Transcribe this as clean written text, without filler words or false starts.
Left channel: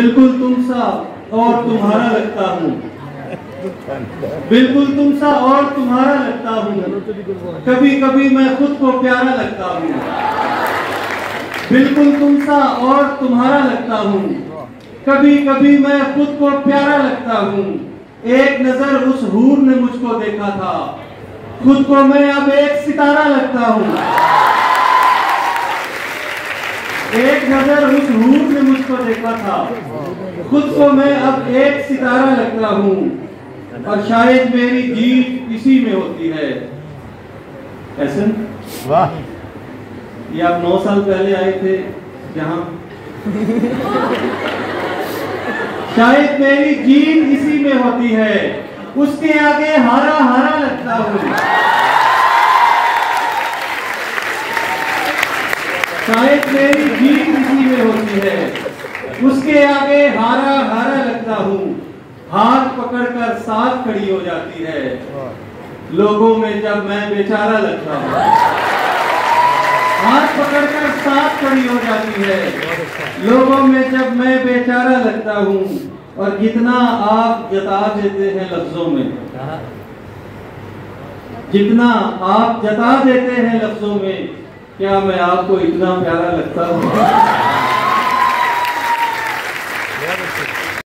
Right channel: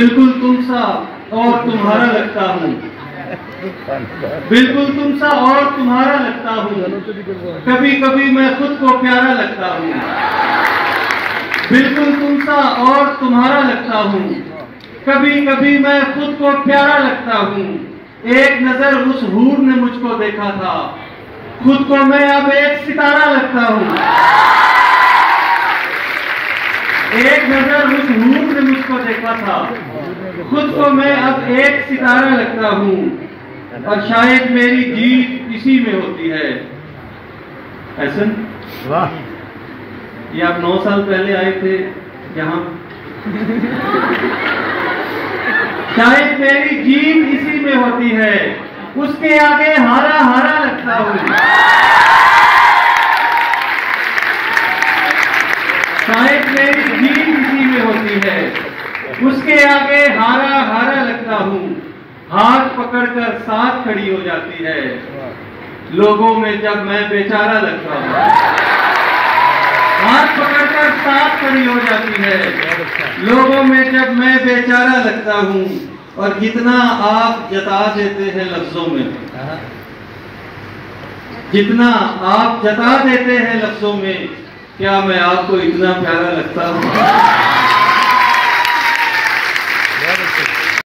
बिल्कुल तुम सा और तुम्हारा लगता हूँ, बिल्कुल तुम सा और तुम्हारा लगता हूँ, कभी कभी मैं खुद को प्यारा लगता हूँ। बिल्कुल तुम सा और तुम्हारा लगता हूँ, कभी कभी मैं खुद को प्यारा लगता हूँ। एक नजर उस हूर ने मुझको देखा था, खुद को मैं अब एक सितारा लगता हूँ। एक नजर उस हूर ने मुझको देखा था, खुद को मैं अब एक सितारा लगता हूँ। और शायद मेरी जीत इसी में होती है। ऐसा वाह, ये आप 9 साल पहले आए थे यहाँ। शायद मेरी जीत इसी में होती है, उसके आगे हारा हारा लगता हूँ। शायद मेरी जीत इसी में होती है, उसके आगे हारा हारा लगता हूँ। हाथ पकड़कर साथ खड़ी हो जाती है, लोगों में जब मैं बेचारा लगता हूँ। हाथ पकड़कर साथ खड़ी हो जाती है, लोगों में जब मैं बेचारा लगता हूँ। और जितना आप जता देते हैं लफ्जों में, जितना आप जता देते हैं लफ्जों में, क्या मैं आपको इतना प्यारा लगता हूँ?